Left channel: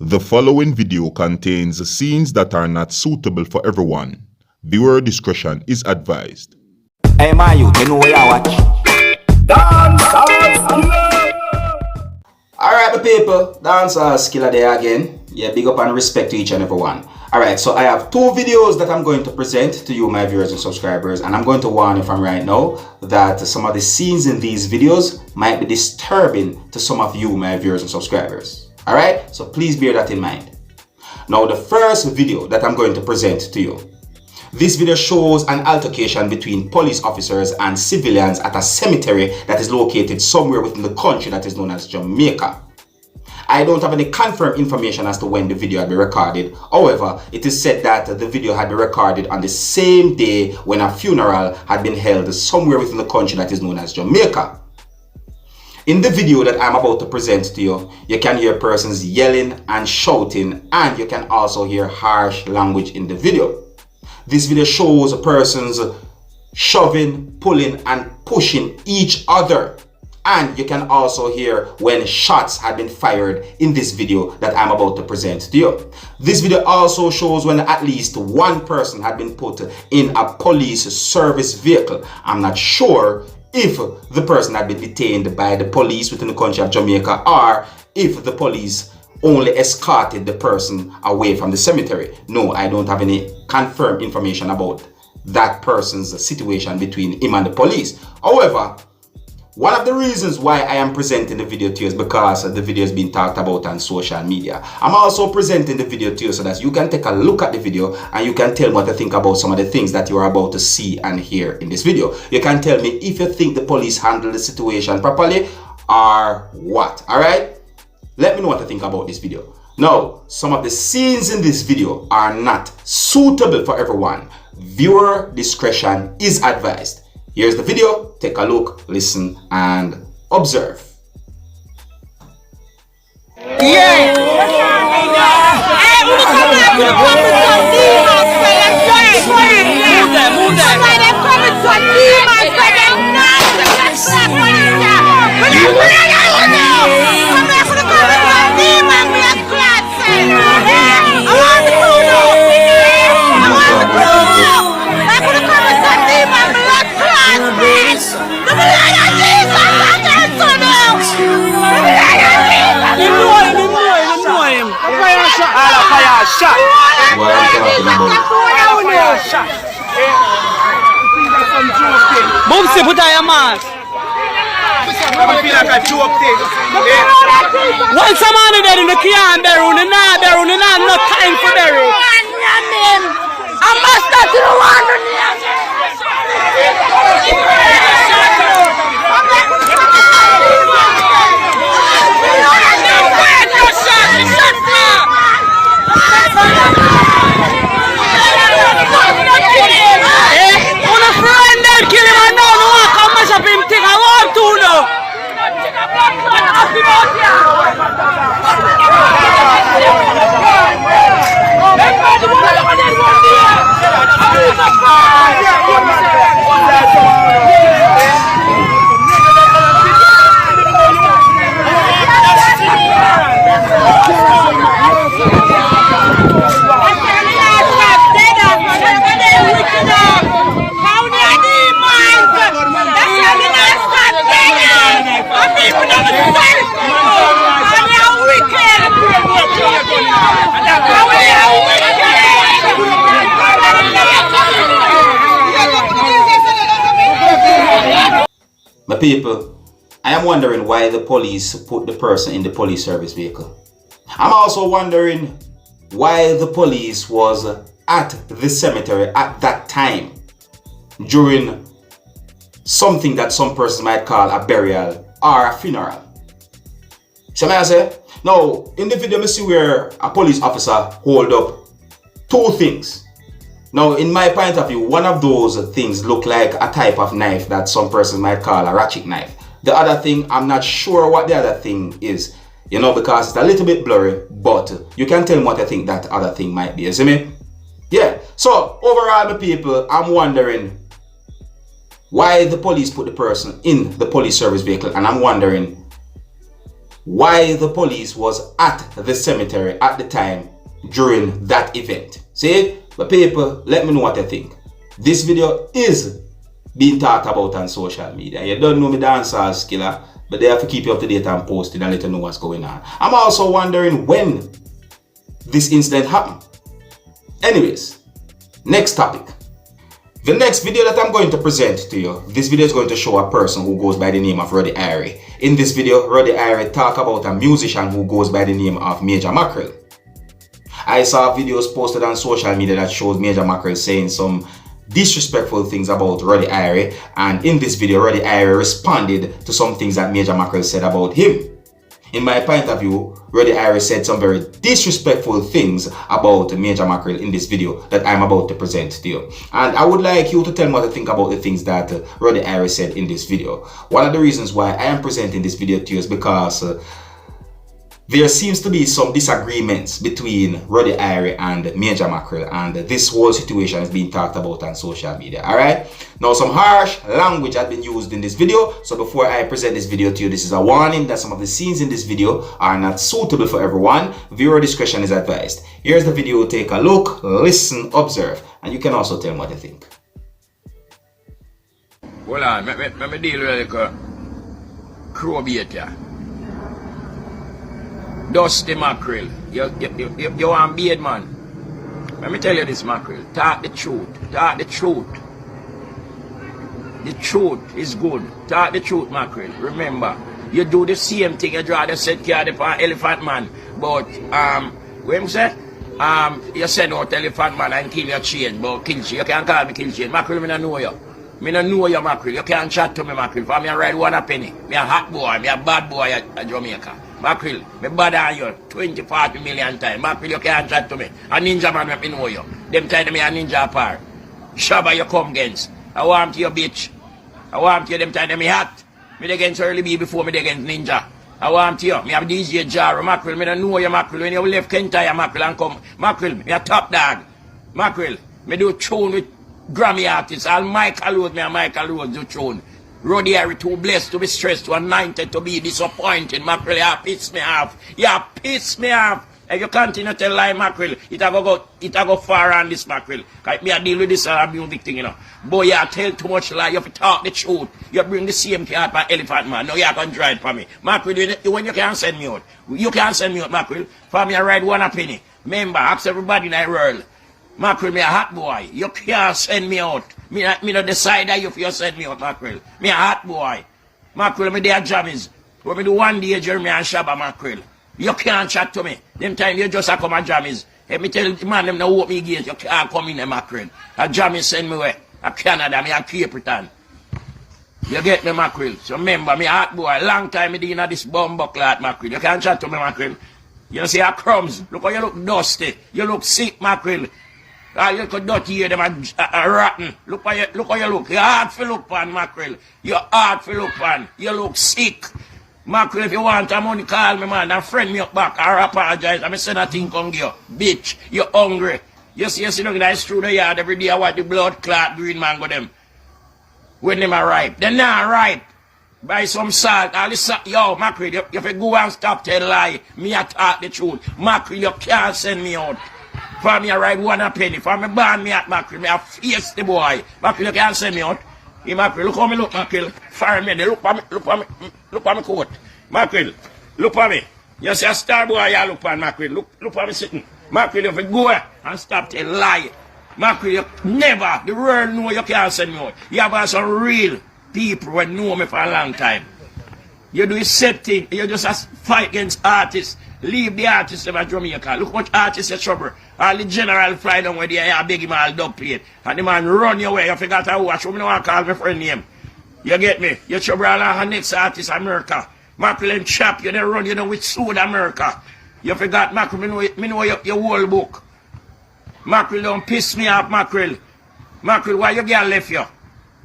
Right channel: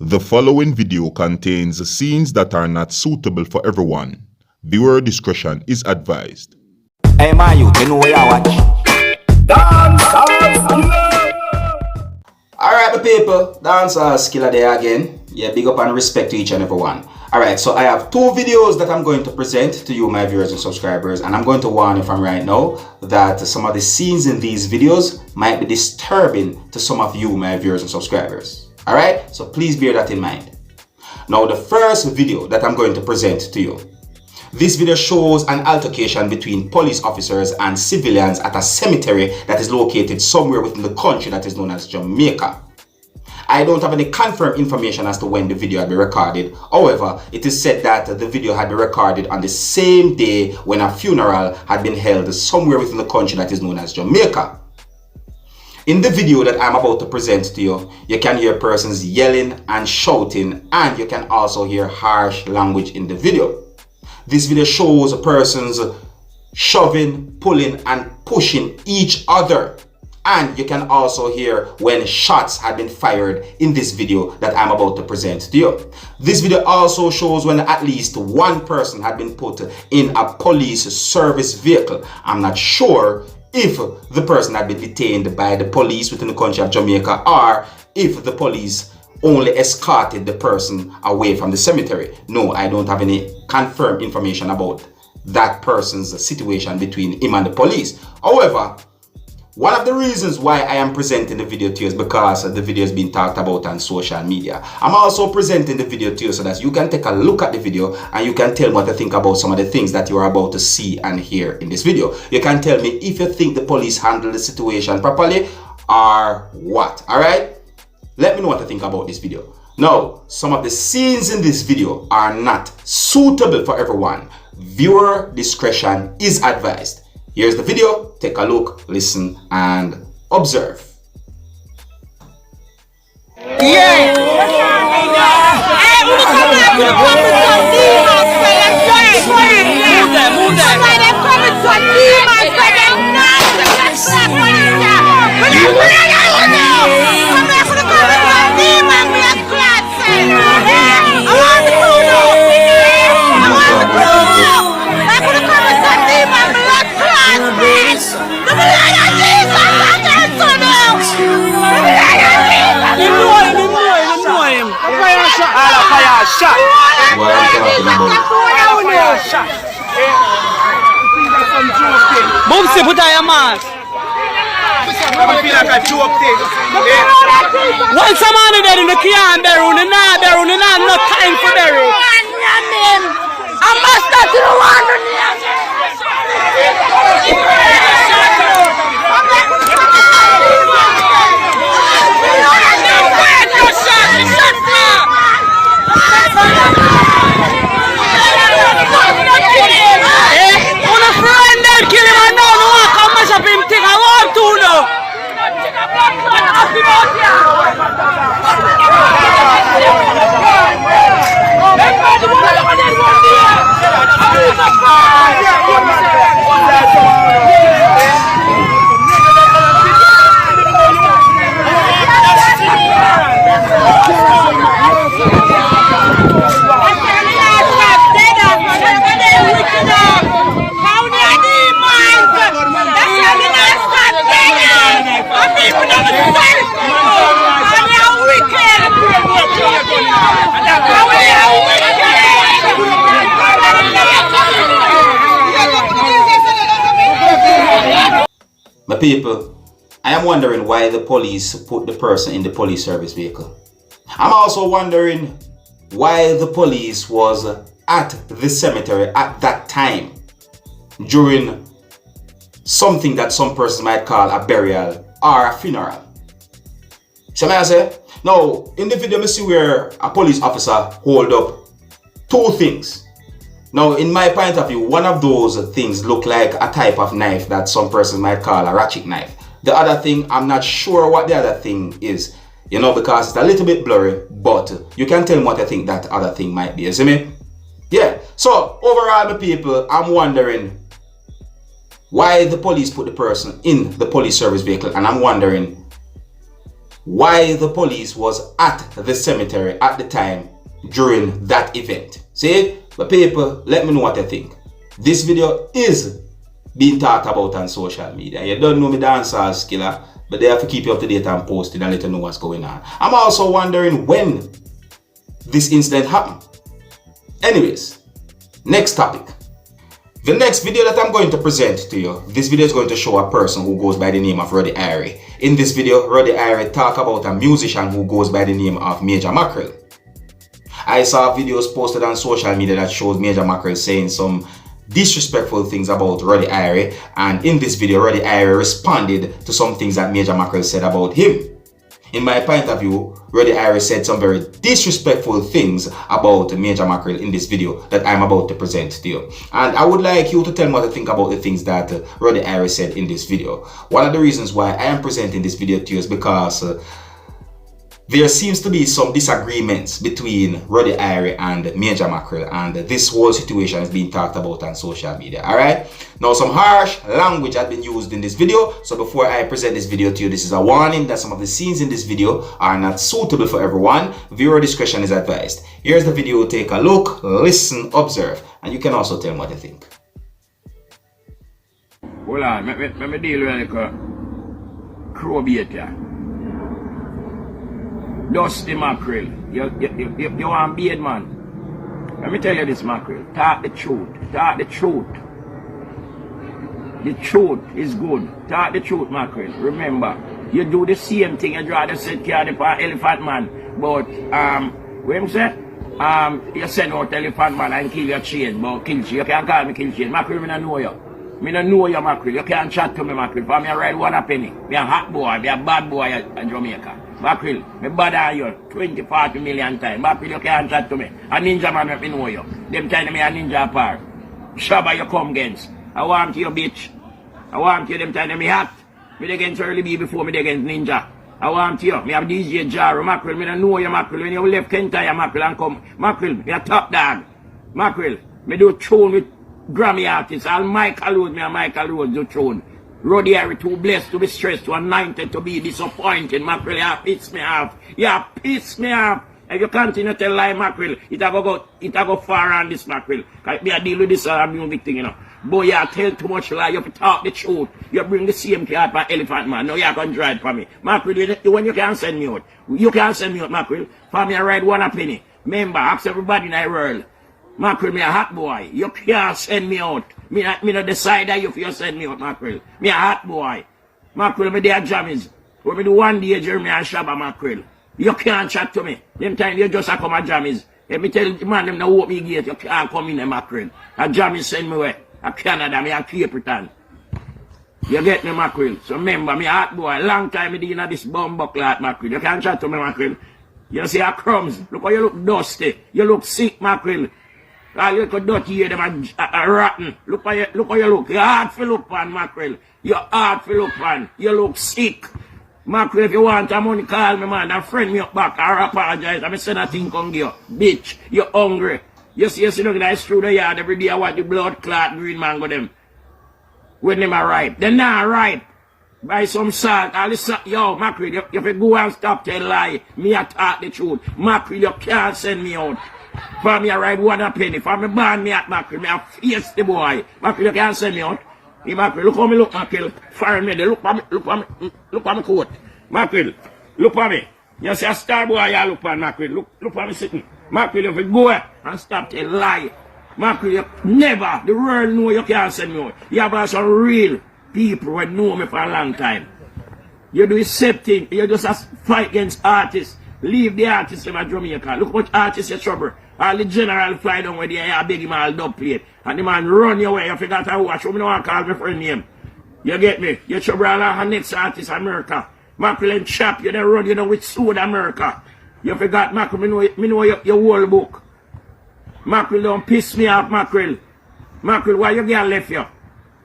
The following video contains scenes that are not suitable for everyone. Viewer discretion is advised. Hey man, you know where I watch? Dancehall skilla. Alright my people, Dancehall skilla there again. Yeah, big up and respect to each and every one. Alright, so I have two videos that I'm going to present to you, my viewers and subscribers, and I'm going to warn you from right now that some of the scenes in these videos might be disturbing to some of you, my viewers and subscribers. Alright, so please bear that in mind. Now the first video that I'm going to present to you. This video shows an altercation between police officers and civilians at a cemetery that is located somewhere within the country that is known as Jamaica. I don't have any confirmed information as to when the video had been recorded. However, it is said that the video had been recorded on the same day when a funeral had been held somewhere within the country that is known as Jamaica. In the video that I'm about to present to you, you can hear persons yelling and shouting, and you can also hear harsh language in the video. This video shows persons shoving, pulling, and pushing each other. And you can also hear when shots had been fired in this video that I'm about to present to you. This video also shows when at least one person had been put in a police service vehicle. I'm not sure if the person had been detained by the police within the country of Jamaica or if the police only escorted the person away from the cemetery. No, I don't have any confirmed information about that person's situation between him and the police. However, one of the reasons why I am presenting the video to you is because the video is being talked about on social media. I'm also presenting the video to you so that you can take a look at the video and you can tell me what you think about some of the things that you are about to see and hear in this video. You can tell me if you think the police handled the situation properly or what. Alright? Let me know what you think about this video. Now, some of the scenes in this video are not suitable for everyone. Viewer discretion is advised. Here's the video. Take a look, listen, and observe. Boomsy, put on your mask. I feel like a joke thing. Once a man there in the can bury, no time for bury. I must start to the one. My people, I am wondering why the police put the person in the police service vehicle. I'm also wondering why the police was at the cemetery at that time during something that some persons might call a burial or a funeral. So may I say? Now, in the video, I see where a police officer hold up two things. Now, in my point of view, one of those things look like a type of knife that some persons might call a ratchet knife. The other thing, I'm not sure what the other thing is, you know, because it's a little bit blurry, but you can tell me what I think that other thing might be, you see me? Yeah, so overall, my people, I'm wondering why the police put the person in the police service vehicle, and I'm wondering why the police was at the cemetery at the time during that event. See? But people, let me know what you think. This video is being talked about on social media. You don't know me Dancehall skilla, but they have to keep you up to date and posted and let you know what's going on. I'm also wondering when this incident happened. Anyways, next topic. The next video that I'm going to present to you, this video is going to show a person who goes by the name of Ruddy. In this video, Ruddy talk about a musician who goes by the name of Major Mackerel. I saw videos posted on social media that shows Major Mackerel saying some disrespectful things about Ruddy, and in this video, Ruddy responded to some things that Major Mackerel said about him. In my point of view, Ruddy said some very disrespectful things about Major Mackerel in this video that I'm about to present to you. And I would like you to tell me what you think about the things that Ruddy said in this video. One of the reasons why I am presenting this video to you is because there seems to be some disagreements between Ruddy and Major Mackerel, and this whole situation is being talked about on social media. Alright? Now, some harsh language has been used in this video, so before I present this video to you, this is a warning that some of the scenes in this video are not suitable for everyone. Viewer discretion is advised. Here's the video, take a look, listen, observe, and you can also tell me what you think. Hold on, let me deal with like a crow bait here. Dusty Mackerel, you want beard, man. Let me tell you this, Mackerel. Talk the truth. Talk the truth. The truth is good. Talk the truth, Mackerel. Remember, you do the same thing you draw the set card for Elephant Man. But, what you say? You send out Elephant Man and kill your chain. But things, you can't call me things. Mackerel, I don't know you. I don't know you, Mackerel. You can't chat to me, Mackerel. For me, I ride 1 penny. You're a hot boy. You're a bad boy at Jamaica. Mackerel, me bother you 20-40 million times. Mackerel, you can't chat to me. A ninja man, I know you. Them kind of me a ninja apart. Shabba, you come against. I want you, bitch. I want you, them kind of me hot. Me against early be before me against ninja. I want you. Me have DJ Jar, Mackerel. Me don't know you, Mackerel. When you left Kentire, Mackerel, and come. Mackerel, me a top dog. Mackerel, me do tune with Grammy artists. All Michael Rose, me and Michael Rose do tune. Ruddy are too blessed to be stressed, too anointed to be disappointed. Mackerel, you piss me off. You piss me off. If you continue to lie, Mackerel, it will go far on this, Mackerel. Like me, I deal with this music thing, you know. Boy, you tell too much lie. You have to talk the truth. You bring the same thing up at Elephant Man. No, you can drive for me. Mackerel, when you can't send me out. You can't send me out, Mackerel. For me, I ride 1 penny. Remember, ask everybody in the world. Mackerel, me a hot boy. You can't send me out. Me not decide that you send me out, Mackerel. Me a hot boy. Mackerel, me there jammies. When me do 1 day, Jeremy and Shabba, Mackerel. You can't chat to me. Them time you just a come and jammies. Let me tell the man, them no open me gate, you can't come in, Mackerel. A jammies send me away. A Canada, me a Cape Town. You get me, Mackerel. So remember, me a hot boy. Long time me doing this bumbo clot, Mackerel. You can't chat to me, Mackerel. You see a crumbs. Look how you look dusty. You look sick, Mackerel. You look dirty here, them are rotten. Look how you look. You're hard for look pan, Mackerel. You're hard for look pan. You look sick. Mackerel, if you want a money, call me, man. And friend me up back. I apologize. I'm saying that thing come here. Bitch, you're hungry. You see, look, that's through the yard every day. I want the blood clot green mango them. When them are ripe. They're not ripe. Buy some salt. All this salt. Yo, Mackerel, you have to go and stop tell lie. Me I talk the truth. Mackerel, you can't send me out. For me, I ride 1 penny. For me, ban me at Mackerel. Me, I face the boy. Mackerel, you can't send me out. Hey, Mackerel, look how me look, Mackerel. For me, look at me coat. Mackerel, look at me. You see a star boy, you look at Mackerel. Look at me sitting. Mackerel, if you go and stop to lie. Mackerel, you never, the world know you can't send me out. You have some real people who know me for a long time. You do the same thing. You just fight against artists. Leave the artists in Jamaica. Look what artists are trouble. All the general fly down where they are beg him all dub plate. And the man run your way. You forgot to watch. You don't want to call my friend name. You get me? You trouble all the next artist America. Mackerel and Chap, you don't run, you know, with Sood America. You forgot, Mackerel, me know your whole book. Mackerel, don't piss me off, Mackerel. Mackerel, why your girl left you?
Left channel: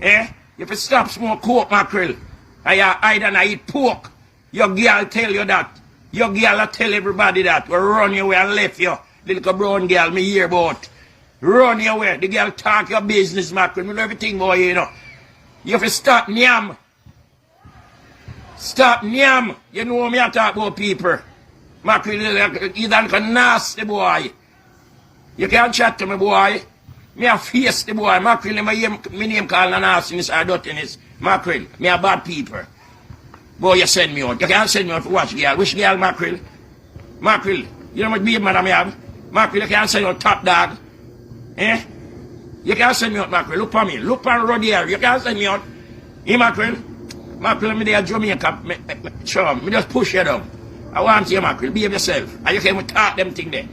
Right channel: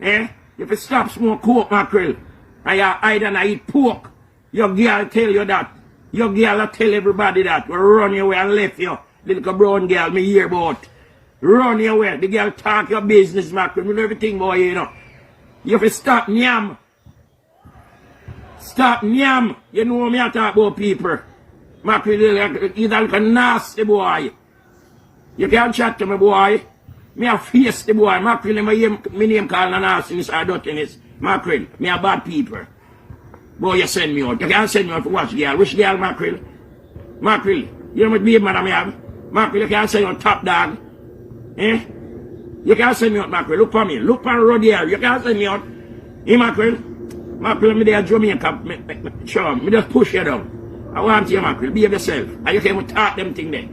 Eh? If you stop smoke coke, Mackerel, and you hide and eat pork, your girl tell you that. Your girl tell everybody that. We run your way and left you. The little brown girl me hear about. Run your way. The girl talk your business, Mackerel. You know everything about you know. You have to stop nyam. Stop nyam. You know me I talk about people. Mackerel, you don't look nasty boy. You can't chat to me boy. Me a face the boy. Mackerel, my name called an nastiness or dirtiness. Mackerel, me a bad people. Boy, you send me out. You can't send me out to watch girl. Which girl, Mackerel? Mackerel, you know what baby madam I have? Mackerel, you can't send me out top dog. Eh? You can't send me out, Mackerel. Look for me. Look for Ruddy. You can't send me out. Hey, Mackerel. Mackerel, me there Jamaica. So, me just push you down. I want you, Mackerel. Be yourself. And you can talk them thing there.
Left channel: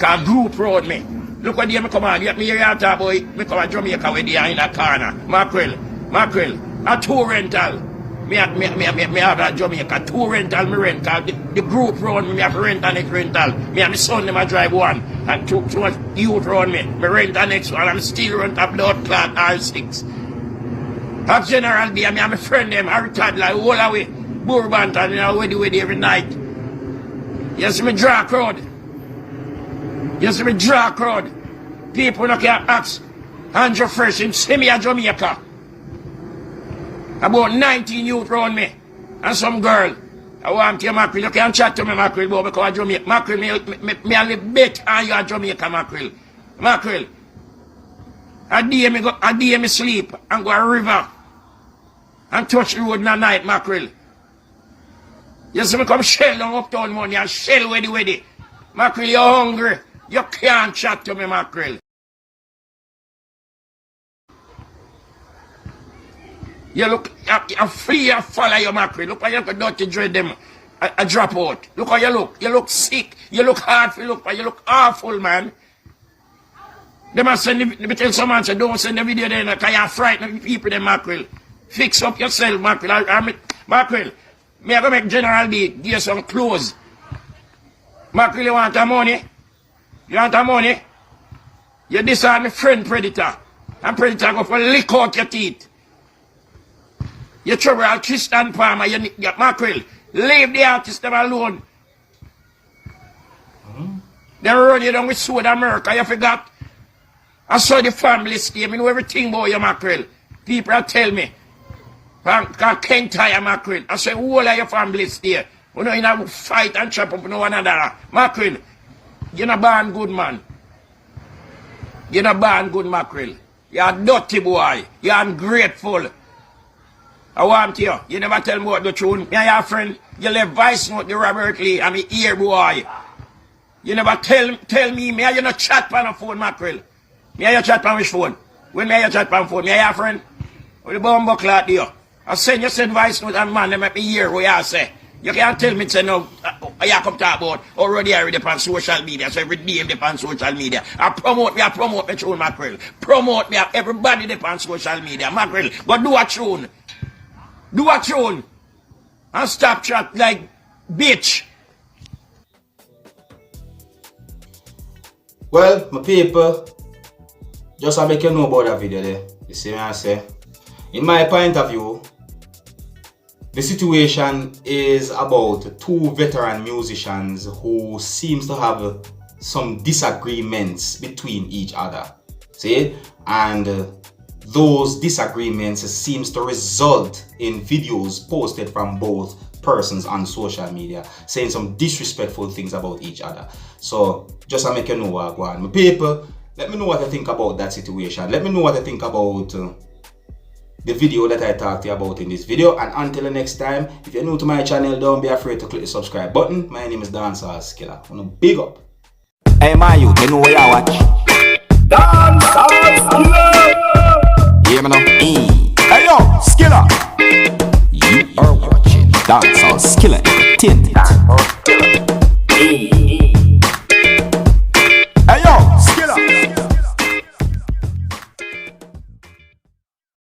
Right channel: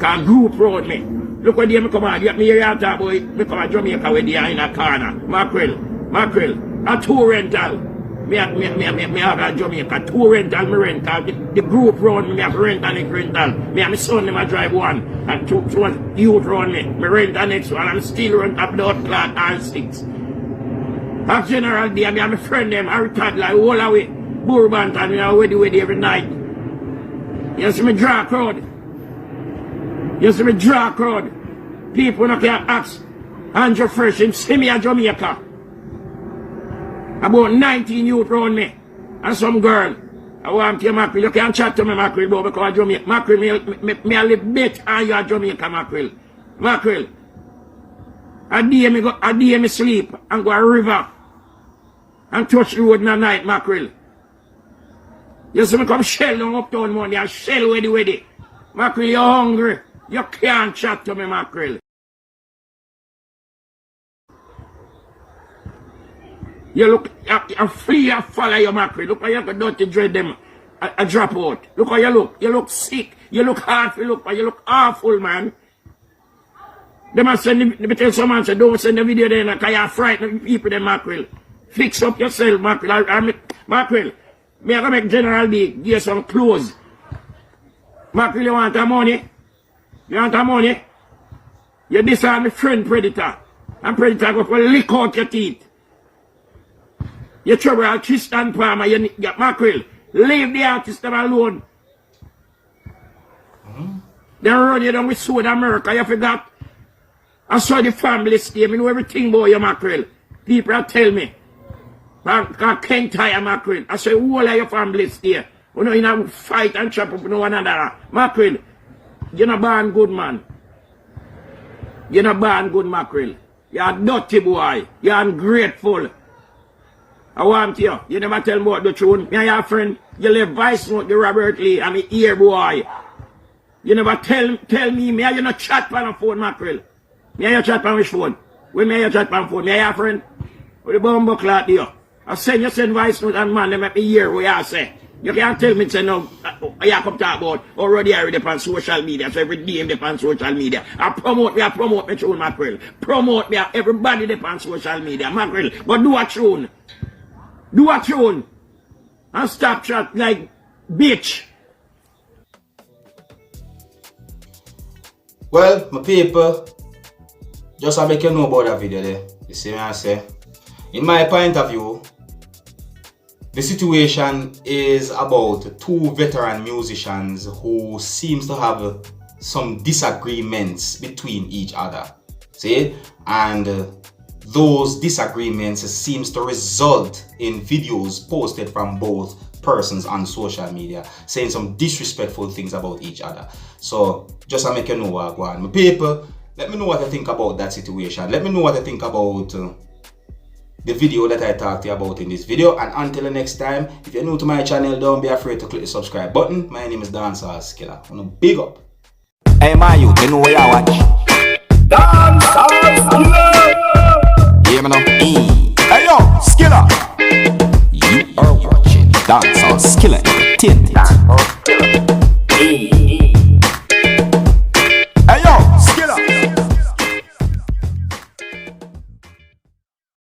Can group road me. Look what they come on. Get me here and talk about it. Me come to Jamaica with the in that corner. Mackerel. A two rental. Me have a Jamaica. Two rental, me rental. The group road me have rent and it rental. Me and my son them I drive one. And two youth road me. Me rent the next one. And still rent up dot clock R6. That general day, me and my friend them are retired like all away. Bourbon and I with every night. You see me draw crowd. People no can ask. Andrew Fresh, him see me at Jamaica. About 19 youth around me. And some girl. I want you, Mackerel. You can't chat to me, Mackerel, but because Jamaica. Mackerel, me a little bit on your Jamaica, Mackerel. Mackerel. A day me sleep and go a river. And touch the road in the night, Mackerel. You see me come shell down uptown Monday and shell with it. Mackerel, you're hungry. You can't chat to me, Mackerel. You look, you free and follow your Mackerel. Look how you can dirty dread them. I drop out. Look how you look. You look sick. You look hard. You look awful, man. They must send me tell someone, say, don't send the video there because you're frightening people, then, Mackerel. Fix up yourself, Mackerel. Mackerel, me I go make General D give you some clothes. Mackerel, you want the money? You decide my friend Predator. And Predator go for lick out your teeth. You trouble a Christian Palmer, you Mackerel. Leave the artist them alone. They run you down with Sword America, you forgot. I saw the family scheme, you know everything about you, Mackerel. People tell me. Because Ken tire Mackerel. I say, who are your family stay? You know, you know, fight and chop up one another. Mackerel, you're not born good, man. You're not born good, Mackerel. You're a dirty boy. You're ungrateful. I want you. You never tell me about the truth. Me and your friend, you left voice note the Robert Lee and the ear boy. You never tell me you not chat on the phone, Mackerel. Me and you chat on which phone? When me and you chat on the phone? Me and your friend? With the bumbo clock there. I send voice note and man, they make me hear what you say. You can't tell me, say no, you come talk about already on social media, so every day I'm on social media. I promote me tune, Mackerel. Promote me, everybody on social media, Mackerel. But do a tune. And stop chat like bitch. Well, my people, just to make you know about that video there. You see what I say? In my point of view, the situation is about two veteran musicians who seems to have some disagreements between each other. See? And those disagreements seems to result in videos posted from both persons on social media saying some disrespectful things about each other. So just to make you know what going on. My people, let me know what you think about that situation. Let me know what you think about the video that I talked to you about in this video. And until the next time, if you're new to my channel, don't be afraid to click the subscribe button. My name is Dancehall Skilla. I'm gonna big up. Hey my youth, you know where you watch? Dancehall Skilla! Hear me now? Hey yo, Skilla! You are watching Dancehall Skilla Entertainment.